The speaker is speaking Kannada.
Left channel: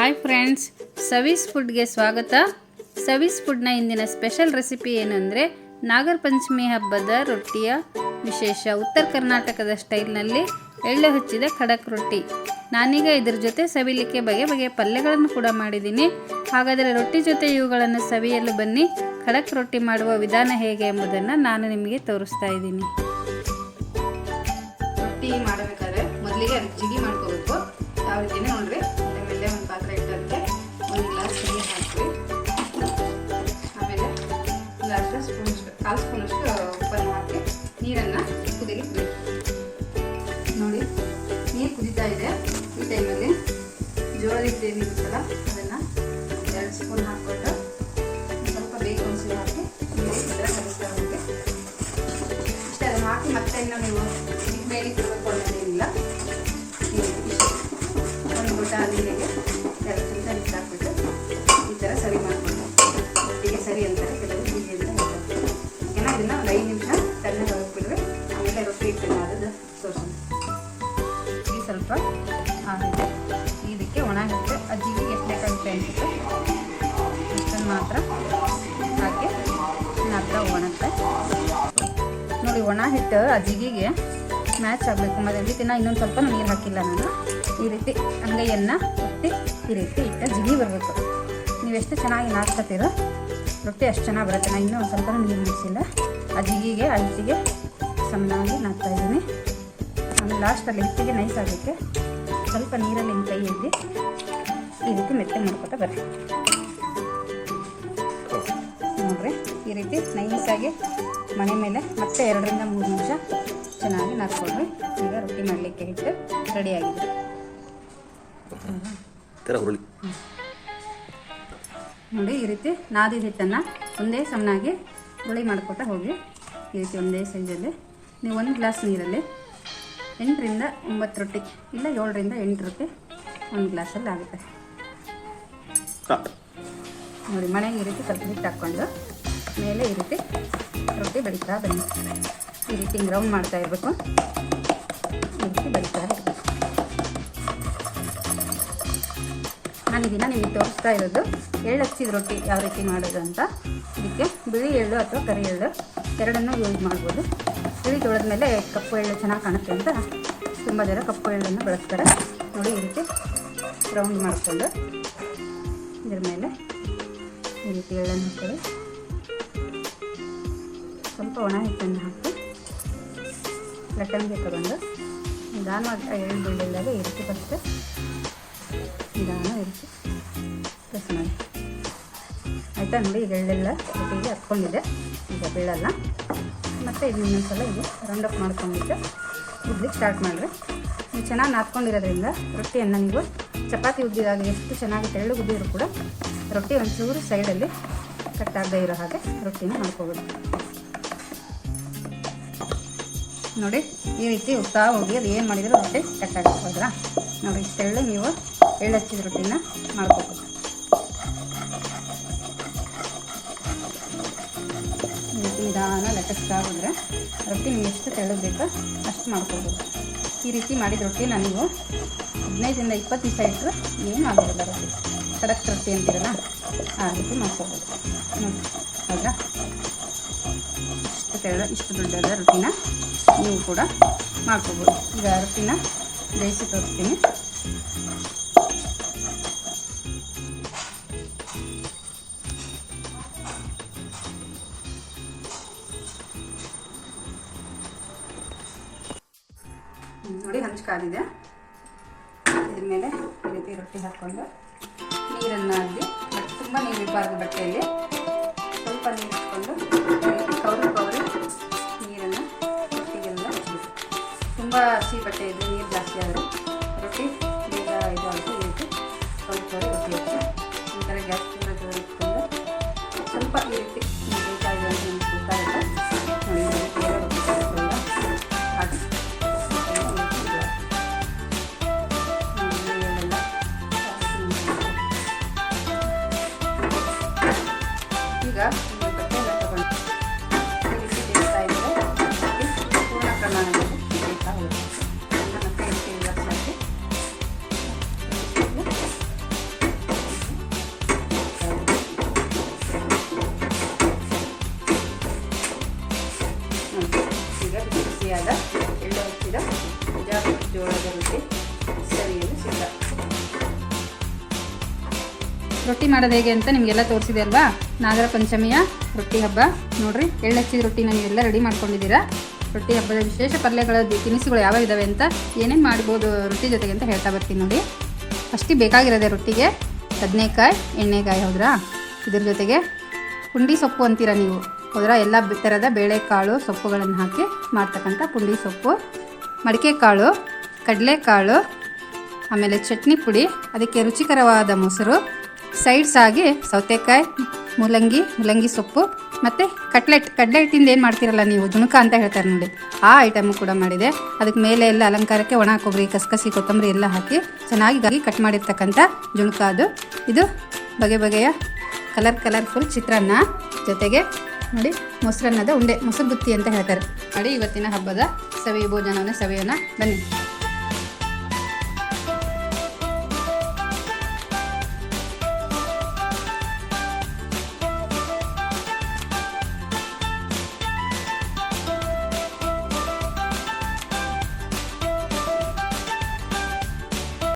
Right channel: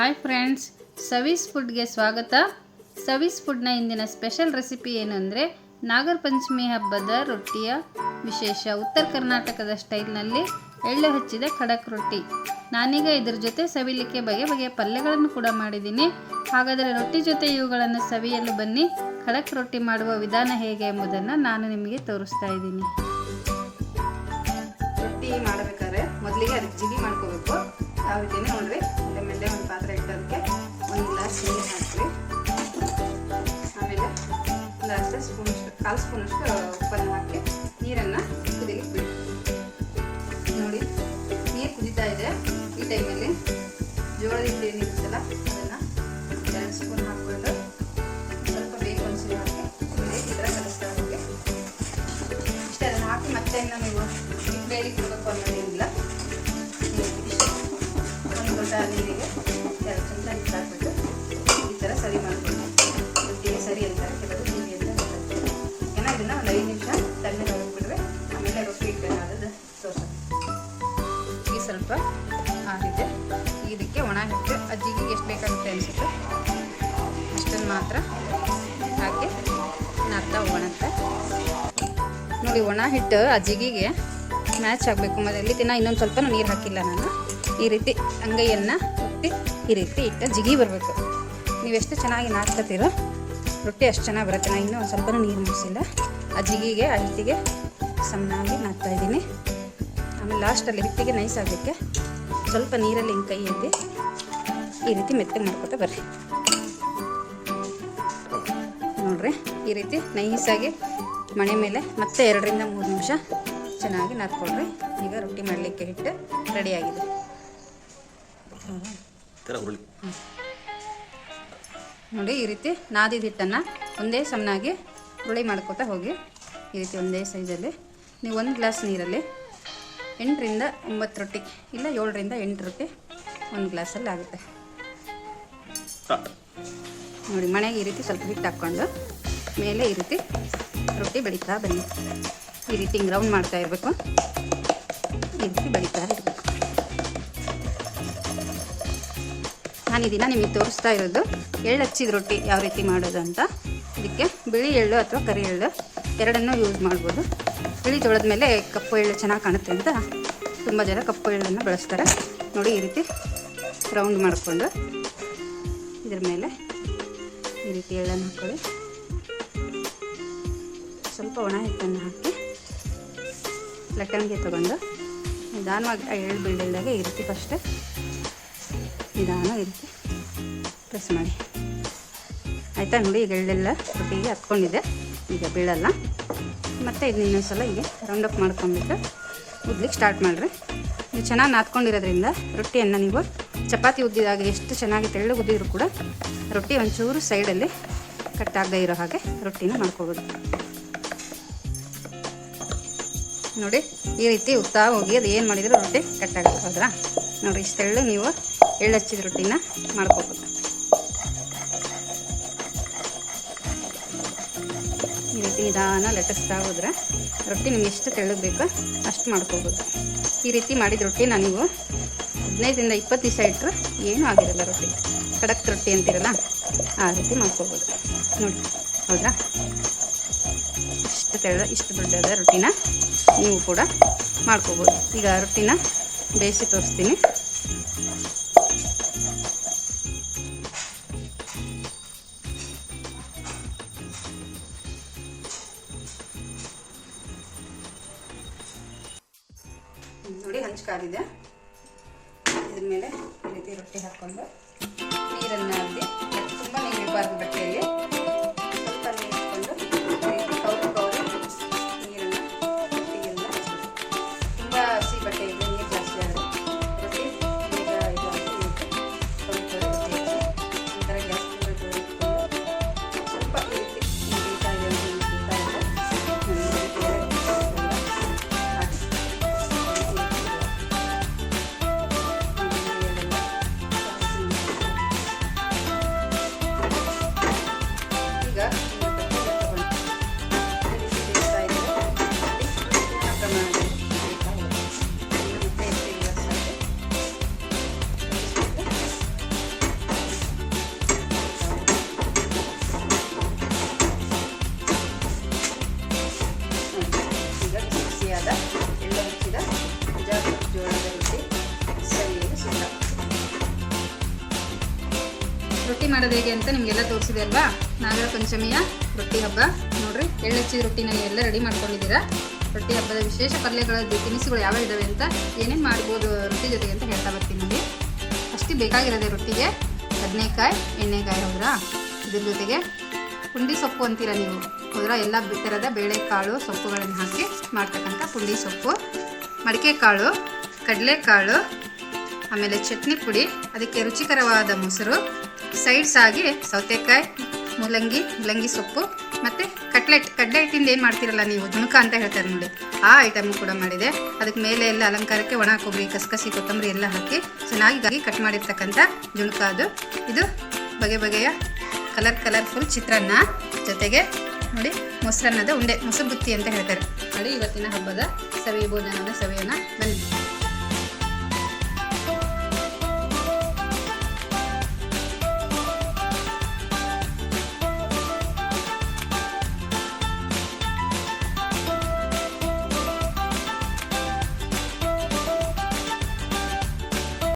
ಹಾಯ್ ಫ್ರೆಂಡ್ಸ್, ಸವೀಸ್ ಫುಡ್ಗೆ ಸ್ವಾಗತ. ಸವೀಸ್ ಫುಡ್ನ ಇಂದಿನ ಸ್ಪೆಷಲ್ ರೆಸಿಪಿ ಏನಂದರೆ ನಾಗರ ಪಂಚಮಿ ಹಬ್ಬದ ರೊಟ್ಟಿಯ ವಿಶೇಷ ಉತ್ತರ ಕರ್ನಾಟಕದ ಸ್ಟೈಲ್ನಲ್ಲಿ ಎಳ್ಳು ಹಚ್ಚಿದ ಖಡಕ್ ರೊಟ್ಟಿ. ನಾನೀಗ ಇದ್ರ ಜೊತೆ ಸವಿಲಿಕ್ಕೆ ಬಗೆ ಬಗೆಯ ಪಲ್ಯಗಳನ್ನು ಕೂಡ ಮಾಡಿದ್ದೀನಿ. ಹಾಗಾದರೆ ರೊಟ್ಟಿ ಜೊತೆ ಇವುಗಳನ್ನು ಸವಿಯಲು ಬನ್ನಿ. ಖಡಕ್ ರೊಟ್ಟಿ ಮಾಡುವ ವಿಧಾನ ಹೇಗೆ ಎಂಬುದನ್ನು ನಾನು ನಿಮಗೆ ತೋರಿಸ್ತಾ ಇದ್ದೀನಿ. ರೊಟ್ಟಿ ಮಾಡಬೇಕಾದ್ರೆ ಮೊದಲಿಗೆ ಅದಕ್ಕೆ ಜಿಗಿ ಮಾಡ್ಕೋಬೇಕು. ಯಾವ ರೀತಿ ನೋಡ್ರಿ, ಆಮೇಲೆ ಒಂದು ಪಾತ್ರೆ ಇಟ್ಟಂತೆ ಒಂದು ಗ್ಲಾಸ್ ನೀರು ಹಾಕ್ತೀವಿ. ಆಮೇಲೆ ಒಂದು ಅರ್ಧ ಸ್ಪೂನಷ್ಟು ಕಾಲು ಸ್ಪೂನಷ್ಟು ಉಪ್ಪನ್ನು ಹಾಕಿ ನೀರನ್ನು ಕುದಿಲಿಕ್ಕೆ ನೋಡಿ. ನೀರು ಕುದೀತಾ ಇದೆ. ಈ ಟೈಮಲ್ಲಿ ಜೋಳದ ಹಿಟ್ಟು ಏನಿರುತ್ತಲ್ಲ ಅದನ್ನು 2 ಸ್ಪೂನ್ ಹಾಕ್ಬಿಟ್ಟು ಸ್ವಲ್ಪ ಬೇಕು ಅನಿಸಿ ಹಾಕಿ ಕಲಿಸ್ತಾ ಹೋಗಿ ಇಷ್ಟೇ. ಅದನ್ನು ಹಾಕಿ ಮತ್ತೆ ನೀವು ಬೇರೆ ಕುಡ್ಬೇಕು ಅನ್ನೋದೇನಿಲ್ಲ. ಒಂದು ಲೋಟ ನೀರಿಗೆ 2 ಚಮಚ ನೀರು ಹಾಕ್ಬಿಟ್ಟು ಈ ಥರ ಸರಿ ಮಾಡ್ತೀನಿ. ರೊಟ್ಟಿಗೆ ಸರಿ ಅಂತಾರೆ ಕೆಲವು ಹೀಗೆ ಅಂತ ಹೇಳ್ತಾರೆ. ಓಕೆನಾ? ಇದನ್ನು ಒಂದು 5 ನಿಮಿಷ ತಣ್ಣಗೆ ಹೋಗ್ಬಿಟ್ರೆ ಆಮೇಲೆ ರೊಟ್ಟಿ ಇಟ್ಟು ಅದು ತೋರಿಸೋಣ. ಈಗ ಸ್ವಲ್ಪ ಆಗಿದೆ. ಇದಕ್ಕೆ ಒಣ ಹಿಟ್ಟು ಅಜ್ಜಿಗೆ ಎಷ್ಟು ಬೇಕಂತ ಅನಿಸುತ್ತೆ ಅಷ್ಟನ್ನು ಮಾತ್ರ ಹಾಕಿ ಅರ್ಧ ಒಣಕ್ಕೆ ನೋಡಿ. ಒಣ ಹಿಟ್ಟು ಅಜ್ಜಿಗೆ ಮ್ಯಾಚ್ ಆಗಬೇಕು. ಮೊದಲಲ್ಲಿ ದಿನ ಇನ್ನೊಂದು ಸ್ವಲ್ಪ ನೀರು ಹಾಕಿಲ್ಲ ನಾನು. ಈ ರೀತಿ ಅಂಗೈಯನ್ನು ಒತ್ತಿ ಈ ರೀತಿ ಇಟ್ಟು ಜಿಗಿ ಬರಬೇಕು. ನೀವೆಷ್ಟು ಚೆನ್ನಾಗಿ ನಾದ್ಕೊತೀರೋ ರೊಟ್ಟಿ ಅಷ್ಟು ಚೆನ್ನಾಗಿ ಬರುತ್ತೆ. ನಾನು ಇನ್ನೂ ಒಂದು ಸ್ವಲ್ಪ ನೀರು ಮುಗಿಸಿಲ್ಲ. ಆ ಜಿಗಿಗೆ ಆ ಹಿಟ್ಟಿಗೆ ಸಣ್ಣಾಗಿ ನಾದ್ತಾ ಇದ್ದೀನಿ. ಆಮೇಲೆ ಲಾಸ್ಟಲ್ಲಿ ಹಿಟ್ಟಿಗೆ ನೈಸ್ ಆಗೋಕ್ಕೆ ಸ್ವಲ್ಪ ನೀರಲ್ಲಿ ಹಿಂಗೆ ಕೈ ಎದ್ದಿ ಈ ರೀತಿ ಮೆತ್ತಗೆ ಮಾಡ್ಕೊತಾ ಬರ್ರಿ. ನೋಡಿರಿ, ಈ ರೀತಿ ನೈಸಾಗಿ ಮಣೆ ಮೇಲೆ ಮತ್ತೆ 2 ರಿಂದ 3 ನಿಮಿಷ ಚೆನ್ನಾಗಿ ನಾದ್ಕೊಳ್ರಿ. ಈಗ ರೊಟ್ಟಿ ಮಾಡಲಿಕ್ಕೆ ಹಿಟ್ಟು ರೆಡಿಯಾಗಿದೆ. ನೋಡಿ, ಈ ರೀತಿ ನಾದಿದ ಹಿಟ್ಟನ್ನು ಒಂದೇ ಸಣ್ಣಾಗಿ ಹುಳಿ ಮಾಡ್ಕೊತಾ ಹೋಗಿ. ಈ ರೀತಿ ಒಂದೇ ಸೈಜಲ್ಲಿ ನೀವು 1 ಗ್ಲಾಸ್ ನೀರಲ್ಲಿ 8 ರಿಂದ 9 ರೊಟ್ಟಿ ಇಲ್ಲ 7 ರಿಂದ 8 ರೊಟ್ಟಿ 1 ಗ್ಲಾಸಲ್ಲಿ ಆಗುತ್ತೆ. ನೋಡಿ, ಮನೆಗೆ ಈ ರೀತಿ ಸ್ವಲ್ಪ ಹಿಟ್ಟು ಹಾಕ್ಕೊಂಡು ಮೇಲೆ ಈ ರೀತಿ ರೊಟ್ಟಿ ಬಡಿತಾ ಬನ್ನಿ. ಈ ರೀತಿ ರೌಂಡ್ ಮಾಡ್ತಾ ಇರಬೇಕು. ಈ ರೀತಿ ಬಡಿತಾ ಇರಬೇಕು. ನಾನು ಈ ದಿನ ನಿಮಗೆ ತೋರಿಸ್ತಾ ಇರೋದು ಎಳ್ಳು ಹಚ್ಚಿದ ರೊಟ್ಟಿ ಯಾವ ರೀತಿ ಮಾಡೋದು ಅಂತ. ಇದಕ್ಕೆ ಬಿಳಿ ಎಳ್ಳು ಅಥವಾ ಕರಿ ಎಳ್ಳು ಎರಡನ್ನೂ ಯೂಸ್ ಮಾಡ್ಬೋದು. ಬಿಳಿ ತೊಳೆದ ಮೇಲೆ ಕಪ್ಪು ಎಳ್ಳು ಚೆನ್ನಾಗಿ ಕಾಣುತ್ತೆ ಅಂತ ತುಂಬ ಜನ ಕಪ್ಪು ಎಳ್ಳನ್ನು ಬಳಸ್ತಾರೆ. ನೋಡಿ, ಈ ರೀತಿ ರೌಂಡ್ ಮಾಡಿಕೊಂಡು ಇದರ ಮೇಲೆ ಈ ರೀತಿ ಎಳ್ಳನ್ನು ಹಾಕೊಳ್ಳಿ. ಸ್ವಲ್ಪ ಒಣ ಹಿಟ್ಟನ್ನು ಹಾಕಿ ಲಟ್ಟಣಿಗೆ ತಗೊಂಡು ನಿಧಾನವಾಗಿ ಎಳ್ಳು ಬೀಳಲ್ದಾಗೆ ಈ ರೀತಿ ಫಸ್ಟ್ ನಿಧಾನ ಈ ರೀತಿ ಪ್ರೆಸ್ ಮಾಡಿ. ಆಯಿತಾ? ನೋಡಿ, ಈಗ ಎಳ್ಳೆಲ್ಲ ರೊಟ್ಟಿಗೆ ಹತ್ಕೊಂಡಿದೆ. ಈಗ ಬೀಳಲ್ಲ. ಮತ್ತು ಇದು ಇನ್ನೊಂದ್ಸಲ ಹೀಗೆ ರೌಂಡ್ ಅಪ್ ಮಾಡ್ಕೊಂಡ್ಬಿಟ್ಟು ಉದ್ಲಿಕ್ಕೆ ಸ್ಟಾರ್ಟ್ ಮಾಡಿರಿ. ನೀವು ಚೆನ್ನಾಗಿ ನಾದ್ಕೊಂಡಿರೋದ್ರಿಂದ ರೊಟ್ಟಿಯನ್ನು ನೀವು ಚಪಾತಿ ಉದ್ದಿದಾಗ ಎಷ್ಟು ಚೆನ್ನಾಗಿ ತೆಳ್ಳಗೆ ಉದ್ದಿದ್ರು ಕೂಡ ರೊಟ್ಟಿ ಒಂಚೂರು ಸೈಡಲ್ಲಿ ಕಟ್ಟಾಗದೇ ಇರೋ ಹಾಗೆ ರೊಟ್ಟಿನ ಮಾಡ್ಕೋಬೋದು. ನೋಡಿ, ಈ ರೀತಿ ಉತ್ತಾ ಹೋಗಿ ಅದು ಏನು ಮಾಡಿದರೂ ರೊಟ್ಟಿ ಕಟ್ಟಾಗುತ್ತೆ. ಹೌದ್ರಾ? ನೋಡಿ, ಇಷ್ಟೆಳ್ಳು ನೀವು ಎಳ್ಳು ಹಚ್ಚಿದ ರೊಟ್ಟಿನ ಮಾಡ್ಕೋಬೇಕು. ಈ ರೀತಿ ನಿಧಾನ ಲಟ್ಟಿಸ್ತಾ ಹೋದರೆ ರೊಟ್ಟಿ ನಿಮ್ಗೆ ಎಷ್ಟು ತೆಳ್ಳಗೆ ಬೇಕೋ ಅಷ್ಟು ಮಾಡ್ಕೋಬೋದು. ಈ ರೀತಿ ಮಾಡಿದ ರೊಟ್ಟಿನ ನೀವು 15 ರಿಂದ 20 ದಿವಸ ಇಟ್ಟರೆ ಏನೂ ಆಗಿರಲ್ಲ. ರೊಟ್ಟಿ ಖಡಕ್ ರೊಟ್ಟಿ ಅಂತಿರಲ್ಲ, ಆ ರೀತಿ ಮಾಡ್ಕೋಬೋದು. ಹೌದಾ? ಇಷ್ಟು ದೊಡ್ಡದ ರೊಟ್ಟಿನ ನೀವು ಕೂಡ ಮಾಡ್ಕೋಬೋದು. ಈಗ ರೊಟ್ಟಿನ ಬೇಯಿಸಿ ತೋರಿಸ್ತೀನಿ. ನೋಡಿ, ಹಂಚ್ಕಾದಿದೆ. ಇದ್ರ ಮೇಲೆ ಈ ರೀತಿ ರೊಟ್ಟಿ ಹಾಕ್ಕೊಂಡು ನೀರನ್ನು ಅದ್ದಿ, ತುಂಬ ನೀರು ಇರಬಾರ್ದು ಬಟ್ಟೆಯಲ್ಲಿ, ಸ್ವಲ್ಪ ನೀರು ಹಾಕ್ಕೊಂಡು ಕೌರಿ ನೀರನ್ನು ರೊಟ್ಟಿಗೆಲ್ಲ ಹಚ್ಚಬೇಕು. ತುಂಬ ಹಸಿ ಬಟ್ಟೆಯಲ್ಲಿ ನೀರು ಜಾಸ್ತಿ ಆಗುತ್ತೆ. ರೊಟ್ಟಿ ಬೇಗ ಇದು ಅಂತ ಹೇಳ್ತು ಕೌರಿ ರೊಟ್ಟಿ ಈ ಥರ ಗ್ಯಾಸ್ ಇಟ್ಕೊಂಡು ಸ್ವಲ್ಪ ಈ ರೀತಿ ಬೇಕಾಗಿದೆ ರೊಟ್ಟಿ ಮಾಡೋದು ಹೇಗೆ ಅಂತ ನಿಮಗೆಲ್ಲ ತೋರಿಸಿದೆ ಅಲ್ವಾ. ನಾಗರ ಪಂಚಮಿಯ ರೊಟ್ಟಿ ಹಬ್ಬ ನೋಡ್ರಿ, ಎಳ್ಳಚ್ಚಿದ ರೊಟ್ಟಿನ ನೀವೆಲ್ಲ ರೆಡಿ ಮಾಡ್ಕೊಂಡಿದ್ದೀರಾ. ರೊಟ್ಟಿ ಹಬ್ಬದ ವಿಶೇಷ ಪಲ್ಯಗಳ ತಿನಿಸುಗಳು ಯಾವ ಇದ್ದಾವೆ ಅಂತ, ಏನೇನು ಮಾಡ್ಬೋದು ರೊಟ್ಟಿ ಜೊತೆಗೆ ಅಂತ ಹೇಳ್ತಾ ಬರ್ತೀನಿ ನೋಡಿ. ಅಷ್ಟು ಬೇಕಾಗಿರೋದೆ ರೊಟ್ಟಿಗೆ ಬದನೆಕಾಯಿ, ಎಣ್ಣೆಕಾಯಿ ಹೌದ್ರಾ. ಇದ್ರ ಜೊತೆಗೆ ಪುಂಡಿ ಸೊಪ್ಪು ಅಂತೀರ ನೀವು ಹೌದ್ರಾ. ಎಲ್ಲ ಥರದ ಬೇಳೆಕಾಳು ಸೊಪ್ಪುಗಳನ್ನು ಹಾಕಿ ಮಾಡ್ತಕ್ಕಂಥ ಪುಂಡಿ ಸೊಪ್ಪು, ಮಡಿಕೆ ಕಾಳು, ಕಡಲೆಕಾಳು, ಆಮೇಲೆ ಚಟ್ನಿ ಪುಡಿ, ಅದಕ್ಕೆ ರುಚಿಕರವಾದ ಮೊಸರು, ಸೈಡ್ಸ್ ಆಗಿ ಸೌತೆಕಾಯಿ, ಮೂಲಂಗಿ ಸೊಪ್ಪು ಮತ್ತು ಕಡಲೆ ಹಿಟ್ಟಿಂದ ಏನು ಮಾಡ್ತೀರಲ್ಲ ನೀವು, ಜುಣಕ ಅಂತ ಹೇಳ್ತಾರೆ ನೋಡಿ, ಆ ಐಟಮು ಕೂಡ ಮಾಡಿದೆ. ಅದಕ್ಕೆ ಮೇಲೆ ಎಲ್ಲ ಅಲಂಕಾರಕ್ಕೆ ಒಣ ಕೊಬ್ಬರಿ, ಕಸಕಸಿ, ಕೊತ್ತಂಬರಿ ಎಲ್ಲ ಹಾಕಿ ಚೆನ್ನಾಗಿ ಕಟ್ ಮಾಡಿರ್ತಕ್ಕಂಥ ಜುಣಕ ಅದು. ಇದು ಬಗೆಯ ಕಲರ್ಫುಲ್ ಚಿತ್ರಾನ್ನ ಜೊತೆಗೆ ನೋಡಿ ಮೊಸರನ್ನದ ಉಂಡೆ, ಮೊಸರು ಬುತ್ತಿ ಅಂತ ಹೇಳ್ತಾರೆ ನೋಡಿ. ಇವತ್ತಿನ ಹಬ್ಬದ ಸವಿ ಭೋಜನವನ್ನು ಸವಿಯೋಣ ಬನ್ನಿ.